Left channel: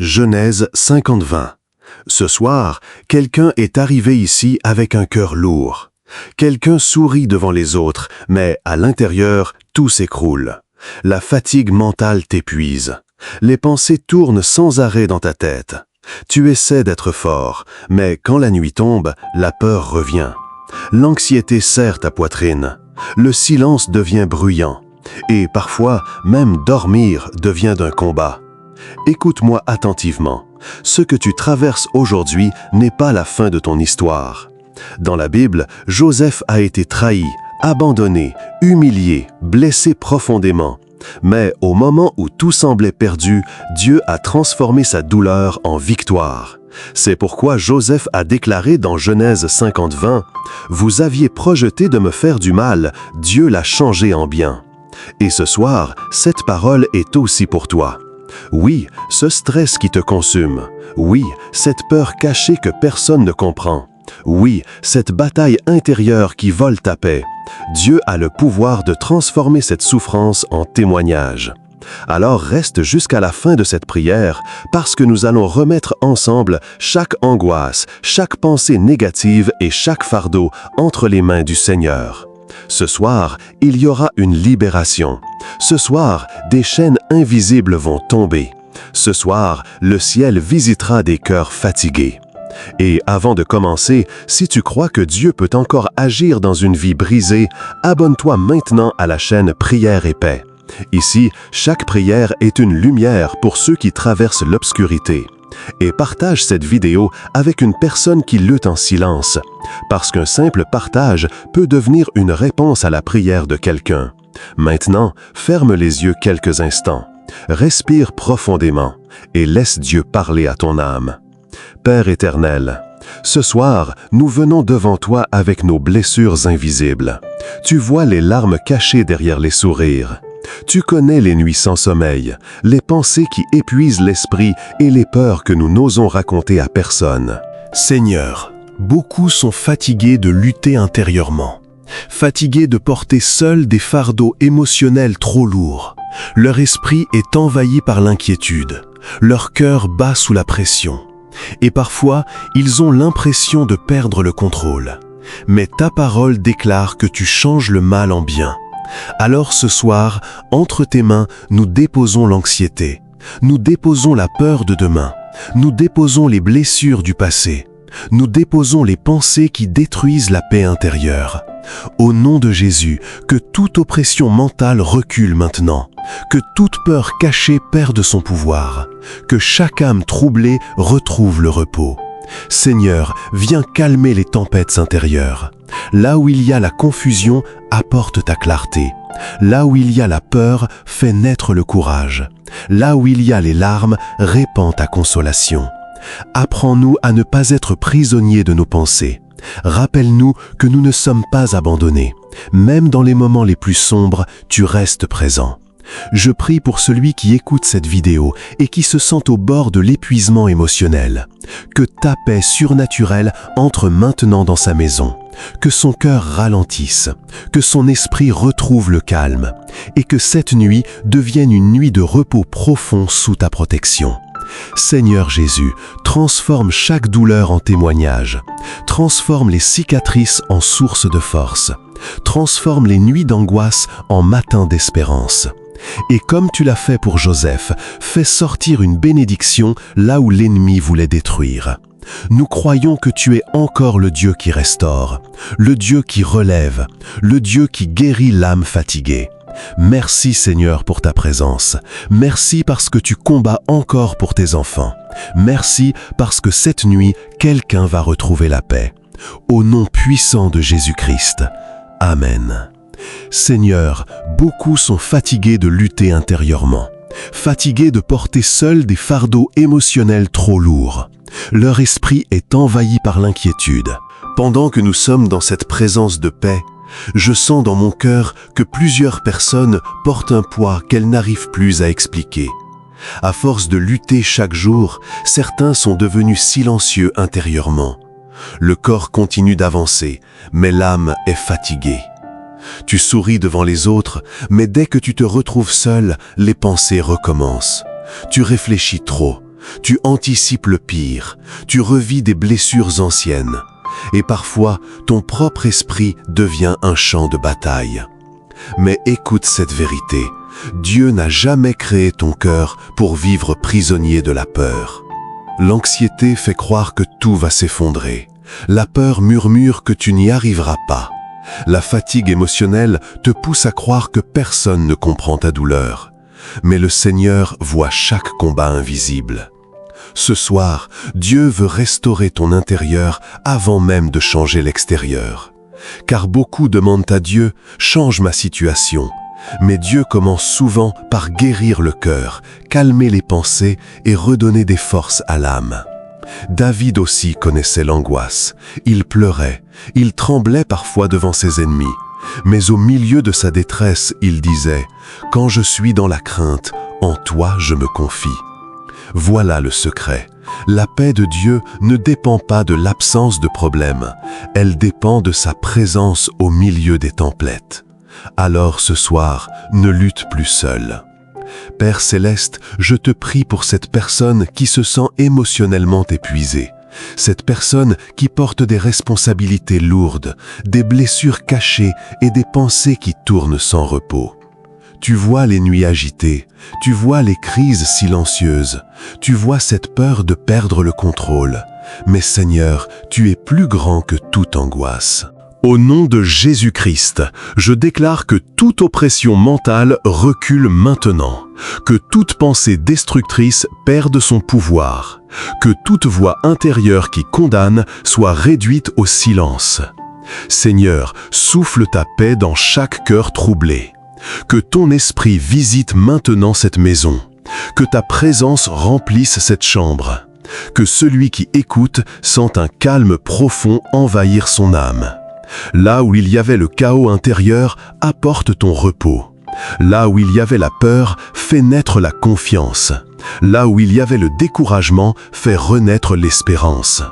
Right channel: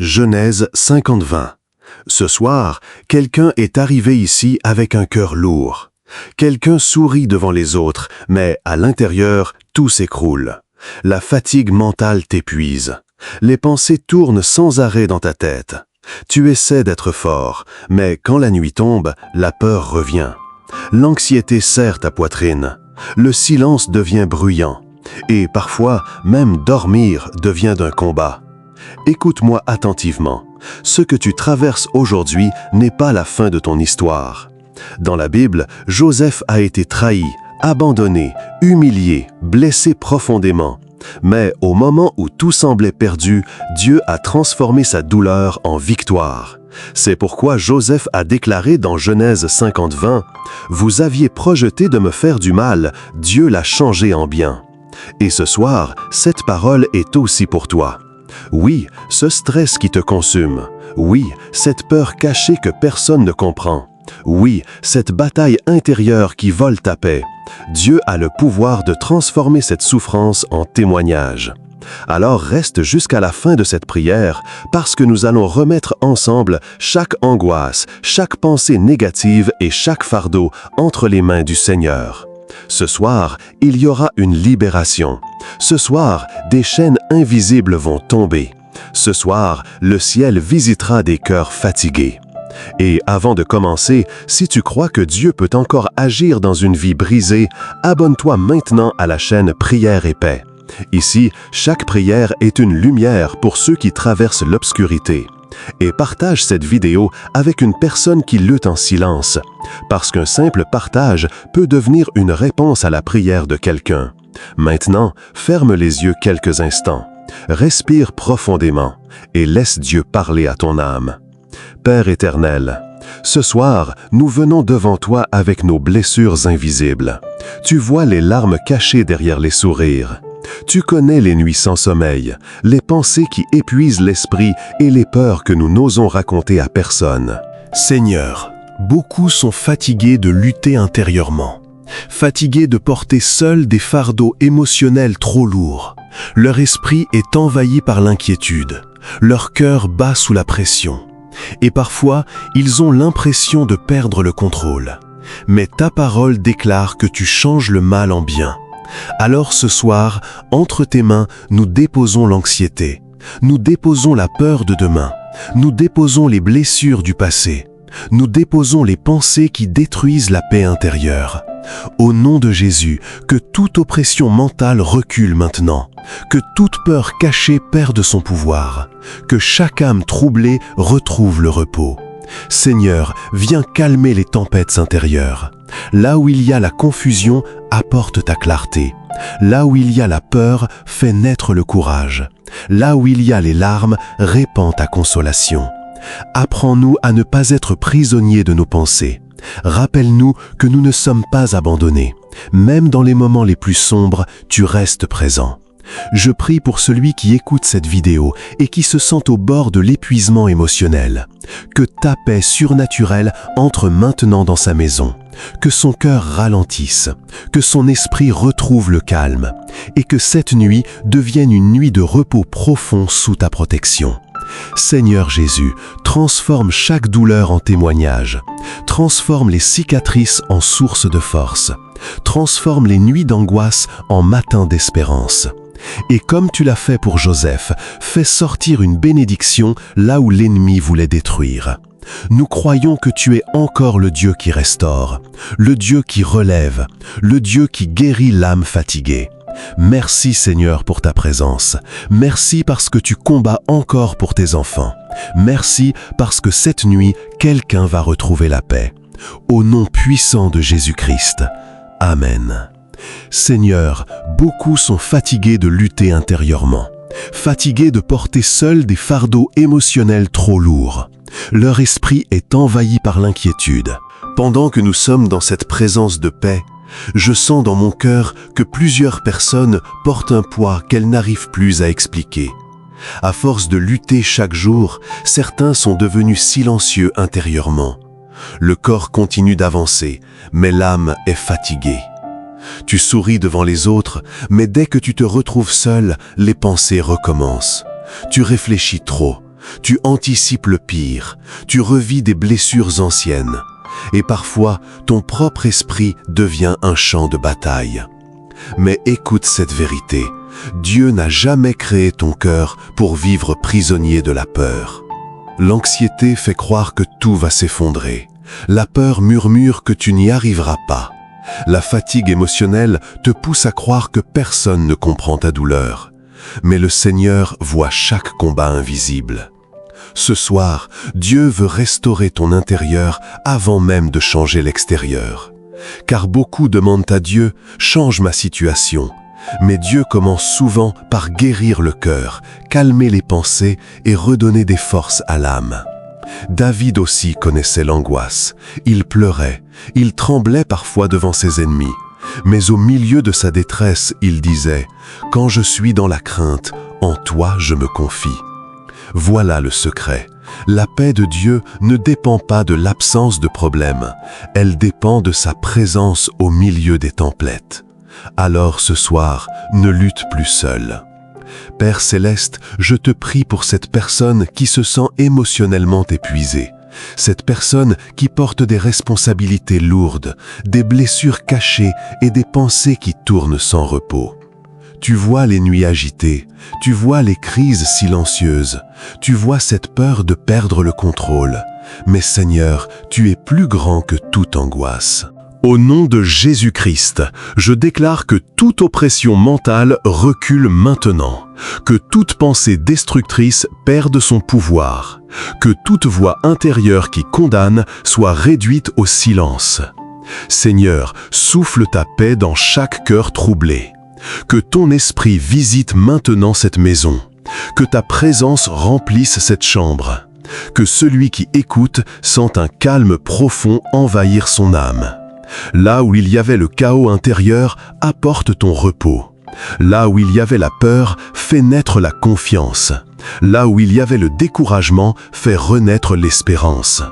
Genèse 50-20. Ce soir, quelqu'un est arrivé ici avec un cœur lourd. Quelqu'un sourit devant les autres, mais à l'intérieur, tout s'écroule. La fatigue mentale t'épuise. Les pensées tournent sans arrêt dans ta tête. Tu essaies d'être fort, mais quand la nuit tombe, la peur revient. L'anxiété serre ta poitrine. Le silence devient bruyant. Et parfois, même dormir devient d'un combat. Écoute-moi attentivement. Ce que tu traverses aujourd'hui n'est pas la fin de ton histoire. Dans la Bible, Joseph a été trahi, abandonné, humilié, blessé profondément. Mais au moment où tout semblait perdu, Dieu a transformé sa douleur en victoire. C'est pourquoi Joseph a déclaré dans Genèse 50-20 « Vous aviez projeté de me faire du mal, Dieu l'a changé en bien. » Et ce soir, cette parole est aussi pour toi. Oui, ce stress qui te consume. Oui, cette peur cachée que personne ne comprend. Oui, cette bataille intérieure qui vole ta paix. Dieu a le pouvoir de transformer cette souffrance en témoignage. Alors reste jusqu'à la fin de cette prière, parce que nous allons remettre ensemble chaque angoisse, chaque pensée négative et chaque fardeau entre les mains du Seigneur. Ce soir, il y aura une libération. Ce soir, des chaînes invisibles vont tomber. Ce soir, le ciel visitera des cœurs fatigués. Et avant de commencer, si tu crois que Dieu peut encore agir dans une vie brisée, abonne-toi maintenant à la chaîne Prière et Paix. Ici, chaque prière est une lumière pour ceux qui traversent l'obscurité. Et partage cette vidéo avec une personne qui lutte en silence, parce qu'un simple partage peut devenir une réponse à la prière de quelqu'un. Maintenant, ferme les yeux quelques instants, respire profondément et laisse Dieu parler à ton âme. Père éternel, ce soir, nous venons devant toi avec nos blessures invisibles. Tu vois les larmes cachées derrière les sourires. Tu connais les nuits sans sommeil, les pensées qui épuisent l'esprit et les peurs que nous n'osons raconter à personne. Seigneur, beaucoup sont fatigués de lutter intérieurement, fatigués de porter seuls des fardeaux émotionnels trop lourds. Leur esprit est envahi par l'inquiétude, leur cœur bat sous la pression. Et parfois, ils ont l'impression de perdre le contrôle. Mais ta parole déclare que tu changes le mal en bien. Alors ce soir, entre tes mains, nous déposons l'anxiété. Nous déposons la peur de demain. Nous déposons les blessures du passé. Nous déposons les pensées qui détruisent la paix intérieure. Au nom de Jésus, que toute oppression mentale recule maintenant. Que toute peur cachée perde son pouvoir. Que chaque âme troublée retrouve le repos. Seigneur, viens calmer les tempêtes intérieures. Là où il y a la confusion, apporte ta clarté. Là où il y a la peur, fais naître le courage. Là où il y a les larmes, répands ta consolation. Apprends-nous à ne pas être prisonniers de nos pensées. Rappelle-nous que nous ne sommes pas abandonnés. Même dans les moments les plus sombres, tu restes présent. Je prie pour celui qui écoute cette vidéo et qui se sent au bord de l'épuisement émotionnel. Que ta paix surnaturelle entre maintenant dans sa maison. Que son cœur ralentisse. Que son esprit retrouve le calme. Et que cette nuit devienne une nuit de repos profond sous ta protection. Seigneur Jésus, transforme chaque douleur en témoignage. Transforme les cicatrices en source de force. Transforme les nuits d'angoisse en matins d'espérance. Et comme tu l'as fait pour Joseph, fais sortir une bénédiction là où l'ennemi voulait détruire. Nous croyons que tu es encore le Dieu qui restaure, le Dieu qui relève, le Dieu qui guérit l'âme fatiguée. Merci Seigneur pour ta présence. Merci parce que tu combats encore pour tes enfants. Merci parce que cette nuit, quelqu'un va retrouver la paix. Au nom puissant de Jésus-Christ. Amen. Seigneur, beaucoup sont fatigués de lutter intérieurement, fatigués de porter seuls des fardeaux émotionnels trop lourds. Leur esprit est envahi par l'inquiétude. Pendant que nous sommes dans cette présence de paix, je sens dans mon cœur que plusieurs personnes portent un poids qu'elles n'arrivent plus à expliquer. À force de lutter chaque jour, certains sont devenus silencieux intérieurement. Le corps continue d'avancer, mais l'âme est fatiguée. Tu souris devant les autres, mais dès que tu te retrouves seul, les pensées recommencent. Tu réfléchis trop, Tu anticipes le pire, tu revis des blessures anciennes, et parfois ton propre esprit devient un champ de bataille. Mais écoute cette vérité, Dieu n'a jamais créé ton cœur pour vivre prisonnier de la peur. L'anxiété fait croire que tout va s'effondrer. La peur murmure que tu n'y arriveras pas. La fatigue émotionnelle te pousse à croire que personne ne comprend ta douleur. Mais le Seigneur voit chaque combat invisible. Ce soir, Dieu veut restaurer ton intérieur avant même de changer l'extérieur. Car beaucoup demandent à Dieu « change ma situation ». Mais Dieu commence souvent par guérir le cœur, calmer les pensées et redonner des forces à l'âme. David aussi connaissait l'angoisse. Il pleurait, il tremblait parfois devant ses ennemis. Mais au milieu de sa détresse, il disait « Quand je suis dans la crainte, en toi je me confie ». Voilà le secret. La paix de Dieu ne dépend pas de l'absence de problèmes, elle dépend de sa présence au milieu des tempêtes. Alors ce soir, ne lutte plus seul. Père céleste, je te prie pour cette personne qui se sent émotionnellement épuisée, cette personne qui porte des responsabilités lourdes, des blessures cachées et des pensées qui tournent sans repos. Tu vois les nuits agitées, tu vois les crises silencieuses, tu vois cette peur de perdre le contrôle. Mais Seigneur, tu es plus grand que toute angoisse. Au nom de Jésus-Christ, je déclare que toute oppression mentale recule maintenant, que toute pensée destructrice perde son pouvoir, que toute voix intérieure qui condamne soit réduite au silence. Seigneur, souffle ta paix dans chaque cœur troublé. Que ton esprit visite maintenant cette maison, que ta présence remplisse cette chambre, que celui qui écoute sente un calme profond envahir son âme. Là où il y avait le chaos intérieur, apporte ton repos. Là où il y avait la peur, fais naître la confiance. Là où il y avait le découragement, fais renaître l'espérance.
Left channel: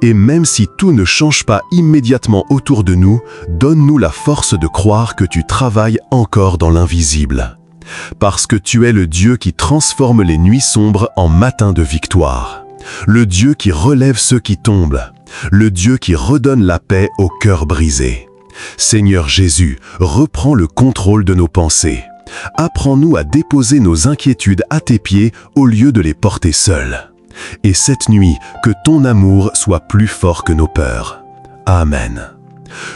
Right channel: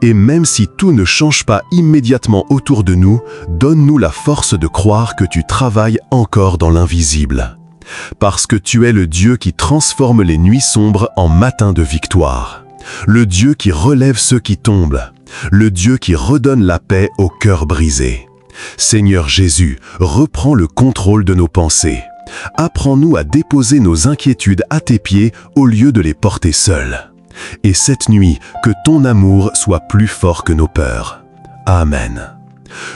Et même si tout ne change pas immédiatement autour de nous, donne-nous la force de croire que tu travailles encore dans l'invisible. Parce que tu es le Dieu qui transforme les nuits sombres en matins de victoire. Le Dieu qui relève ceux qui tombent. Le Dieu qui redonne la paix au cœur brisé. Seigneur Jésus, reprends le contrôle de nos pensées. Apprends-nous à déposer nos inquiétudes à tes pieds au lieu de les porter seuls. Et cette nuit, que ton amour soit plus fort que nos peurs. Amen.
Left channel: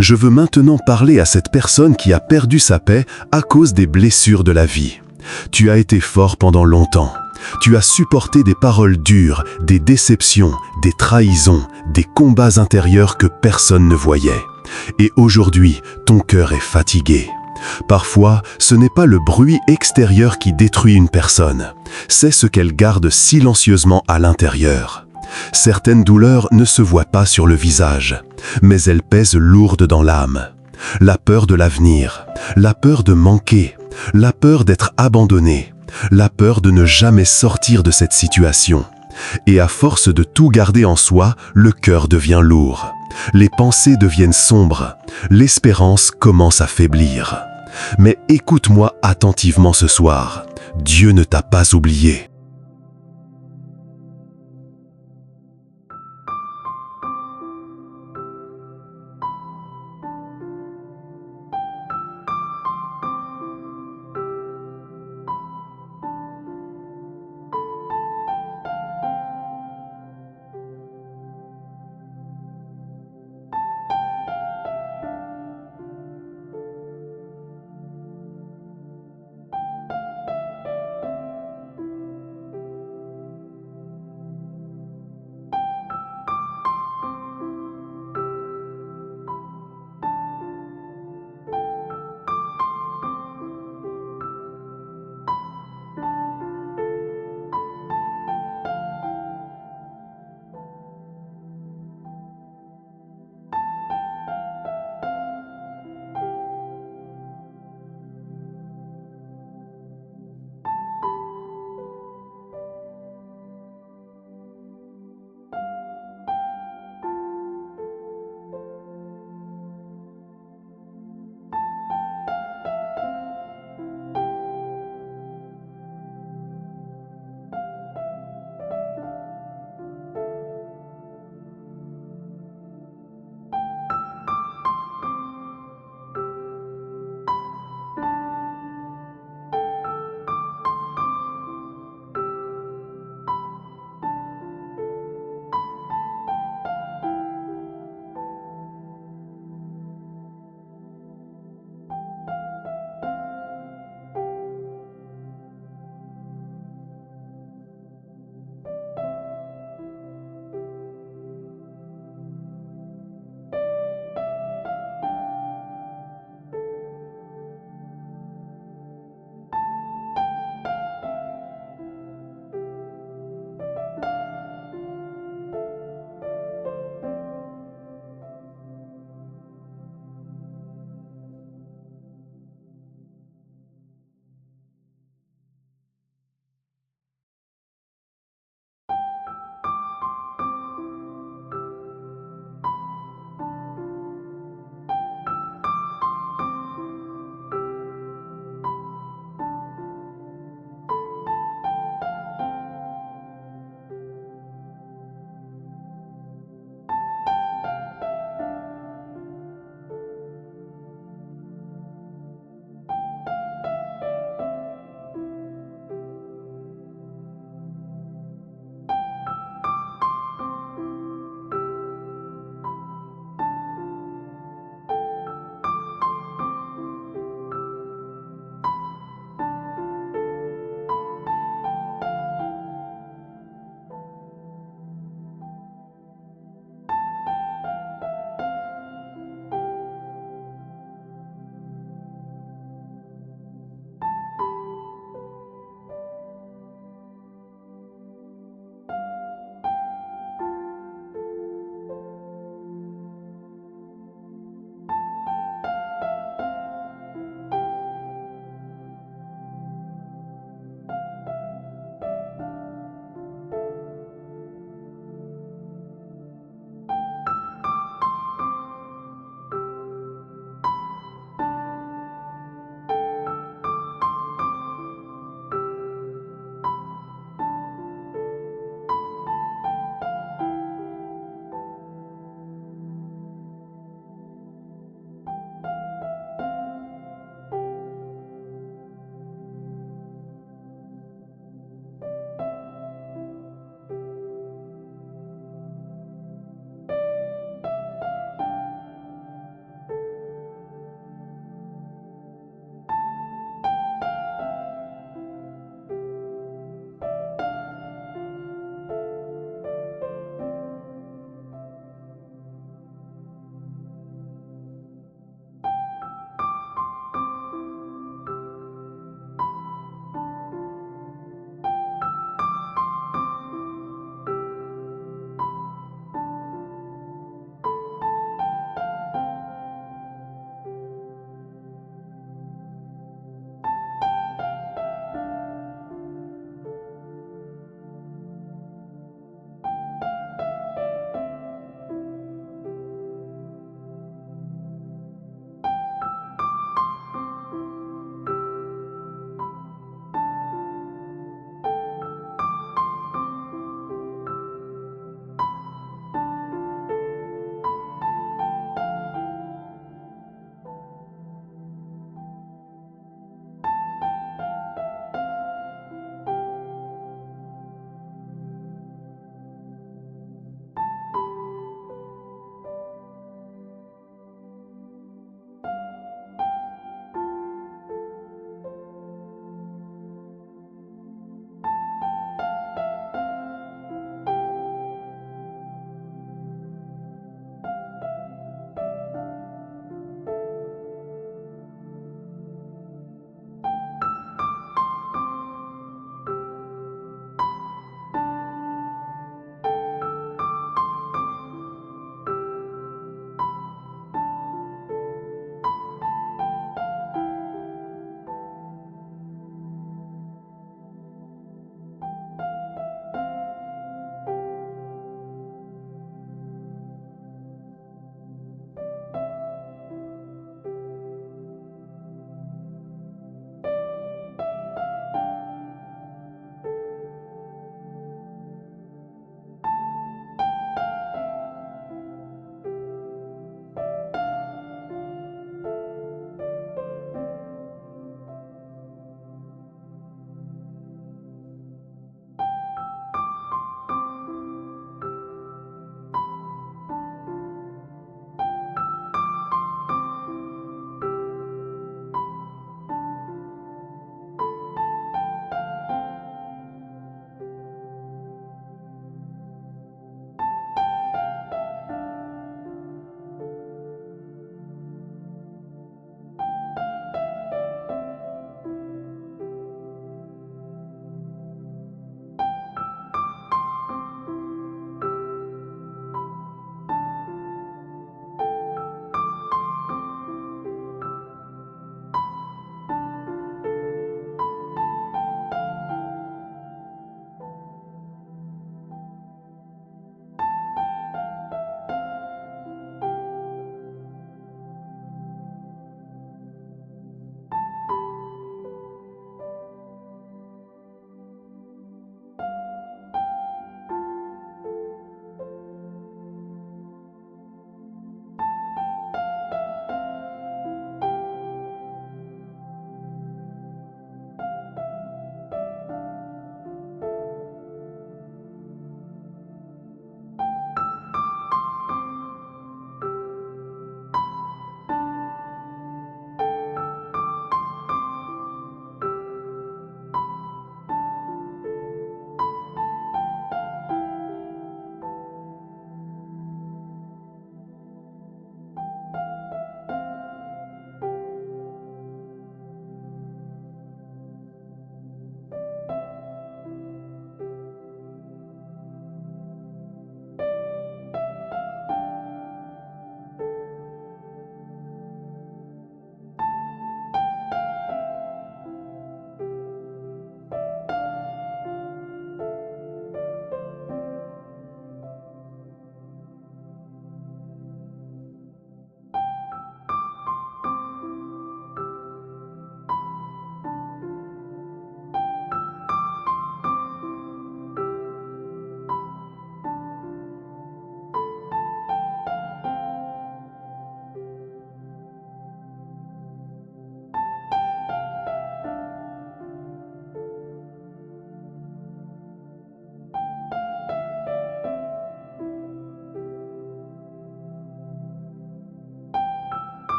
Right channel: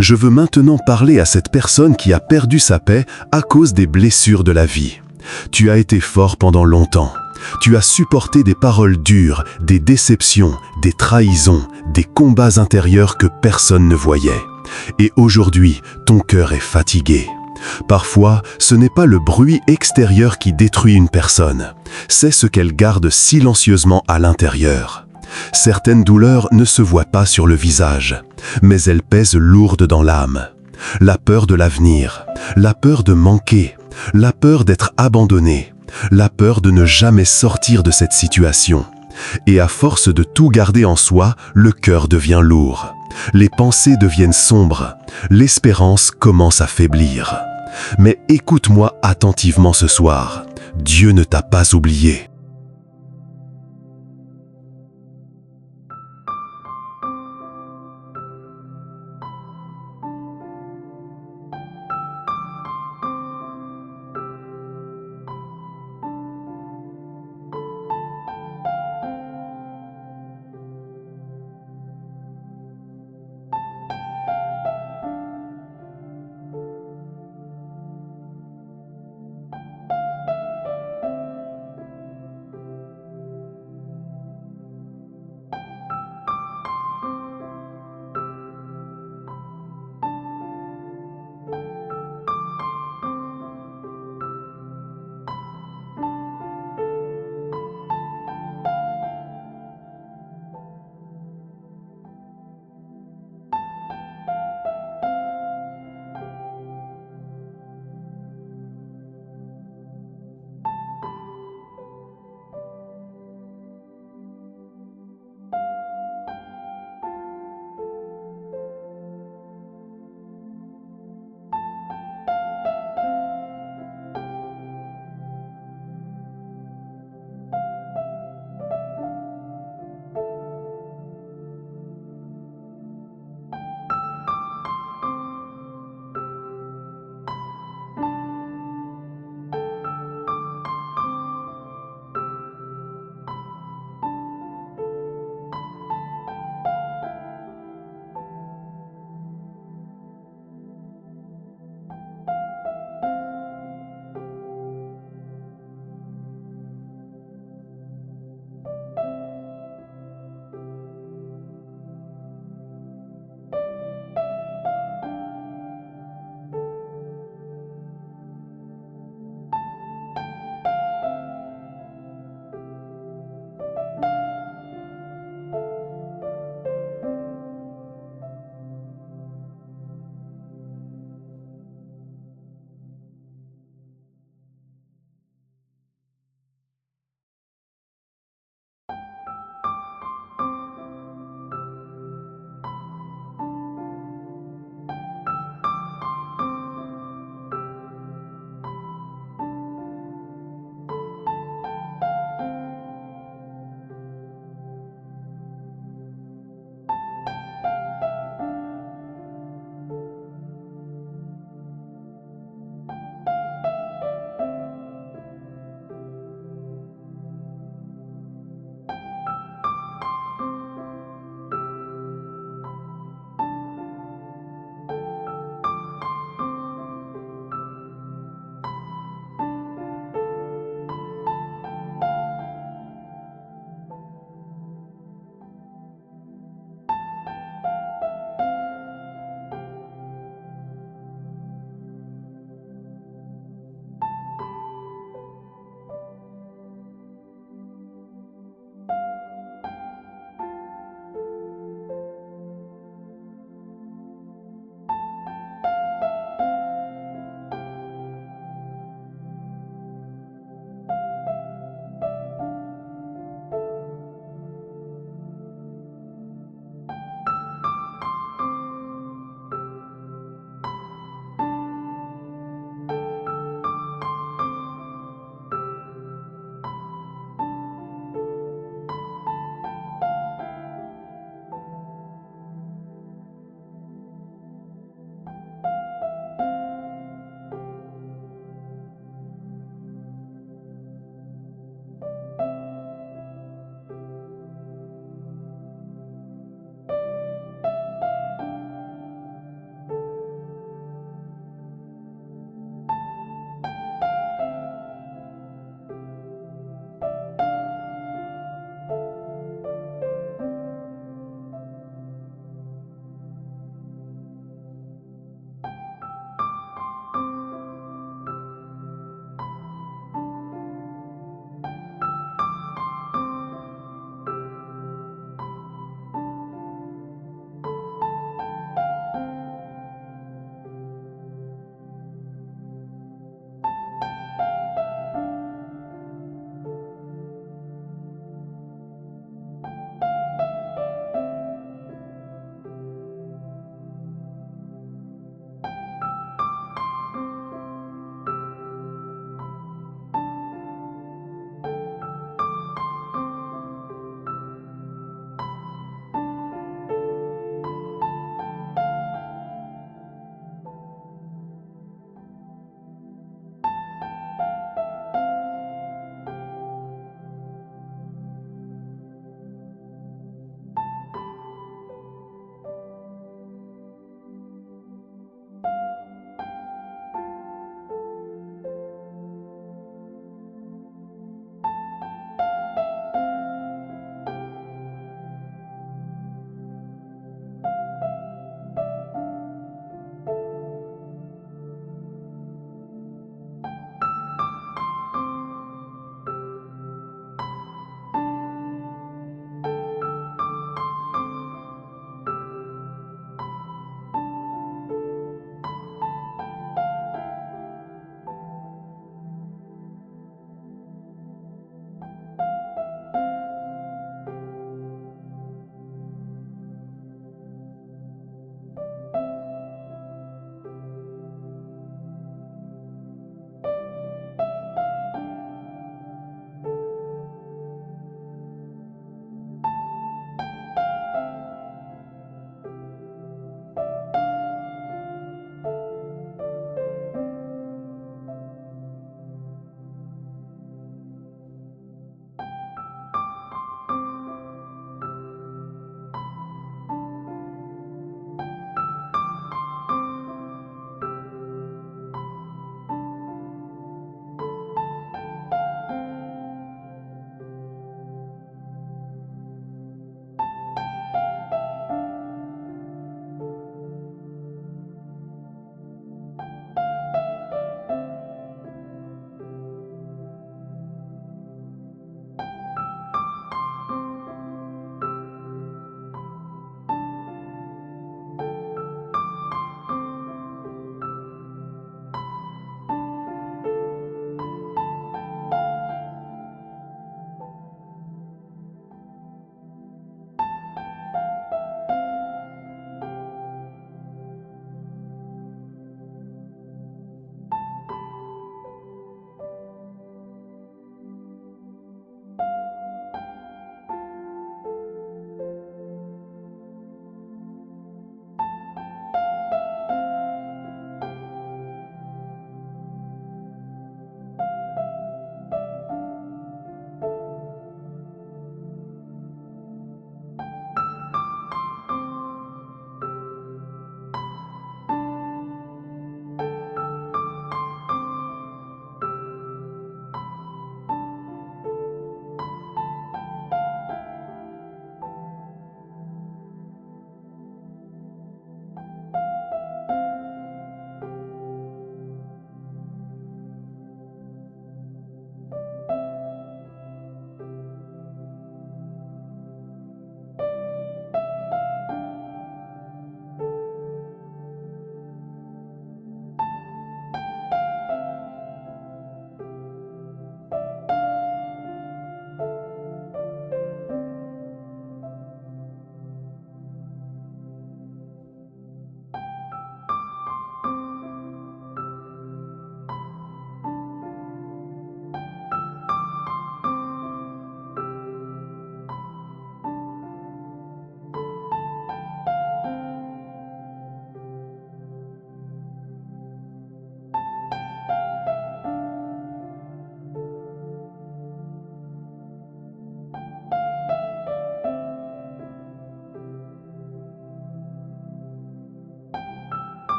Je veux maintenant parler à cette personne qui a perdu sa paix à cause des blessures de la vie. Tu as été fort pendant longtemps. Tu as supporté des paroles dures, des déceptions, des trahisons, des combats intérieurs que personne ne voyait. Et aujourd'hui, ton cœur est fatigué. Parfois, ce n'est pas le bruit extérieur qui détruit une personne, c'est ce qu'elle garde silencieusement à l'intérieur. Certaines douleurs ne se voient pas sur le visage, mais elles pèsent lourdes dans l'âme. La peur de l'avenir, la peur de manquer, la peur d'être abandonné, la peur de ne jamais sortir de cette situation. Et à force de tout garder en soi, le cœur devient lourd. Les pensées deviennent sombres, l'espérance commence à faiblir. Mais écoute-moi attentivement ce soir, Dieu ne t'a pas oublié.